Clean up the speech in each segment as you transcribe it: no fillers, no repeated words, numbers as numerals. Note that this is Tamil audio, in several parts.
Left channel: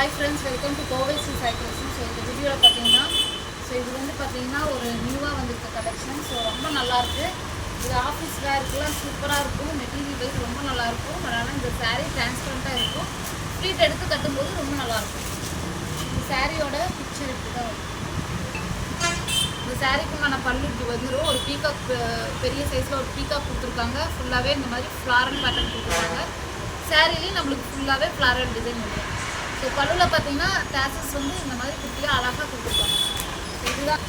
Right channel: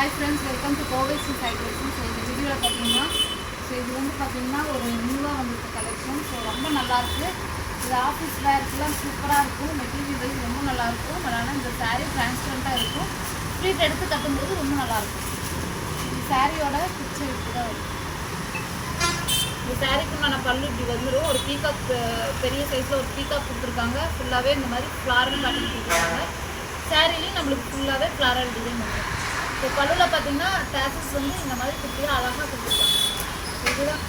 ஹாய் ஃப்ரெண்ட்ஸ், வெல்கம் டு கோவைசி சைக்கிள்ஸ். ஸோ இந்த வீடியோவில் பார்த்தீங்கன்னா இது வந்து பார்த்தீங்கன்னா ஒரு நியூவாக வந்திருக்க கலெக்ஷன். ஸோ ரொம்ப நல்லாயிருக்கு. இது ஆஃபீஸ் வேர்க்கெலாம் சூப்பராக இருக்கும். மெட்டீரியல் வைஸ் ரொம்ப நல்லாயிருக்கும். அதனால் இந்த சாரீ டிரான்ஸ்பரண்ட்டாக இருக்கும். ஃப்ளீட் எடுத்து கட்டும்போது ரொம்ப நல்லாயிருக்கும். இந்த சாரியோட பிக்சர் இப்படி தான் இருக்கும். இந்த சாரீக்கு நான் பல்லு இப்படி வந்துடும். ஒரு பீகாக் பெரிய சைஸில் ஒரு பீகாக் கொடுத்துருக்காங்க. ஃபுல்லாகவே இந்த மாதிரி ஃப்ளாரல் பேட்டர்ன் கொடுத்துருக்காங்க. சாரிலையும் நம்மளுக்கு ஃபுல்லாகவே ஃப்ளாரல் டிசைன் வந்துடும். ஸோ பல்லுவில் பார்த்தீங்கன்னா டேசஸ் வந்து இந்த மாதிரி குட்டியாக அழகாக கொடுத்துருக்காங்க. இதுதான்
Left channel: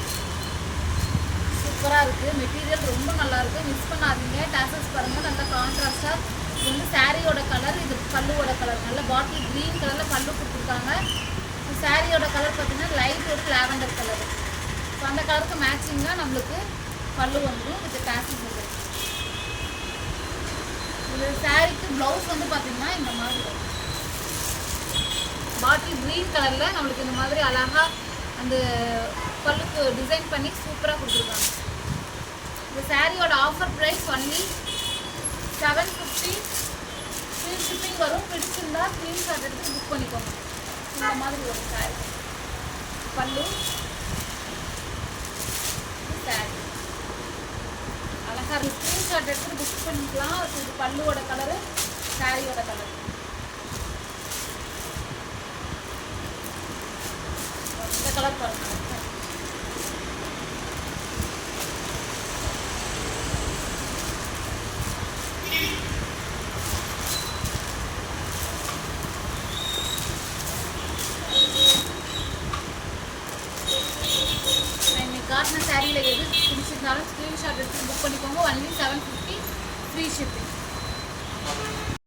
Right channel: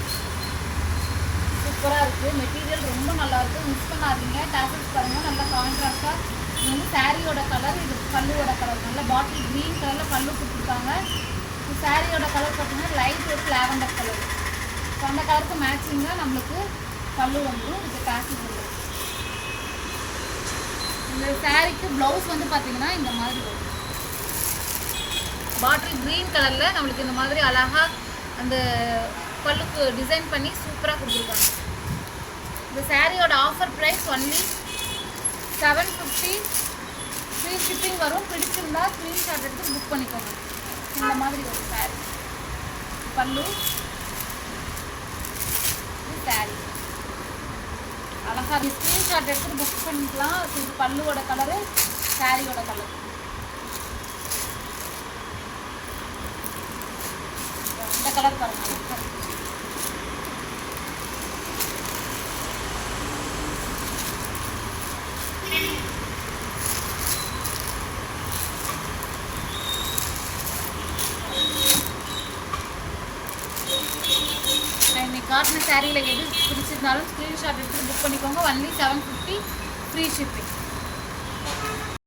சூப்பராக இருக்குது. மெட்டீரியல் ரொம்ப நல்லாயிருக்கு. மிஸ் பண்ணாதீங்க. டேசஸ் பாருங்கள், நல்லா கான்ட்ராஸ்டாக. இது வந்து சாரியோட கலர், இது பல்லுவோட கலர். நல்ல பாட்டில் க்ரீன் கலரில் பல்லு கொடுத்துருக்காங்க. இந்த சாரியோட கலர் பார்த்தீங்கன்னா லைட் ஒரு லாவெண்டர் கலர். ஸோ அந்த கலருக்கு மேட்சிங்காக நம்மளுக்கு பல்லு வந்துடும். இதுக்கு டேசஸ் வந்துடும். இந்த சாரிக்கு ப்ளவுஸ் வந்து பார்த்தீங்கன்னா இந்த மாதிரி வரும். பாட்டில் க்ரீன் கலரில் நம்மளுக்கு இந்த மாதிரி அழகாக அந்த பல்லுக்கு டிசைன் பண்ணி சூப்பராக கொடுத்துருக்காங்க. இந்த சாரியோட offer price only 750. Free shipping வரும். பிடிச்சிருந்தா ஸ்க்ரீன்ஷாட் எடுத்து புக் பண்ணிக்கோங்க. இந்த மாதிரி ஒரு சாரி பல்லு, சாரி அழகாக ஸ்க்ரீன்ஷாட் எடுத்து புக் பண்ணிக்கலாம். இது பல்லுவோட கலரு, சாரியோட கலர். இந்த கலர் பாருங்க. நான் இன்னைக்கு காட்டின சாரியில் எது பிடிச்சிருந்தாலும் ஸ்க்ரீன்ஷாட் எடுத்து புக் பண்ணிக்கோங்க. Only 750 free shipping.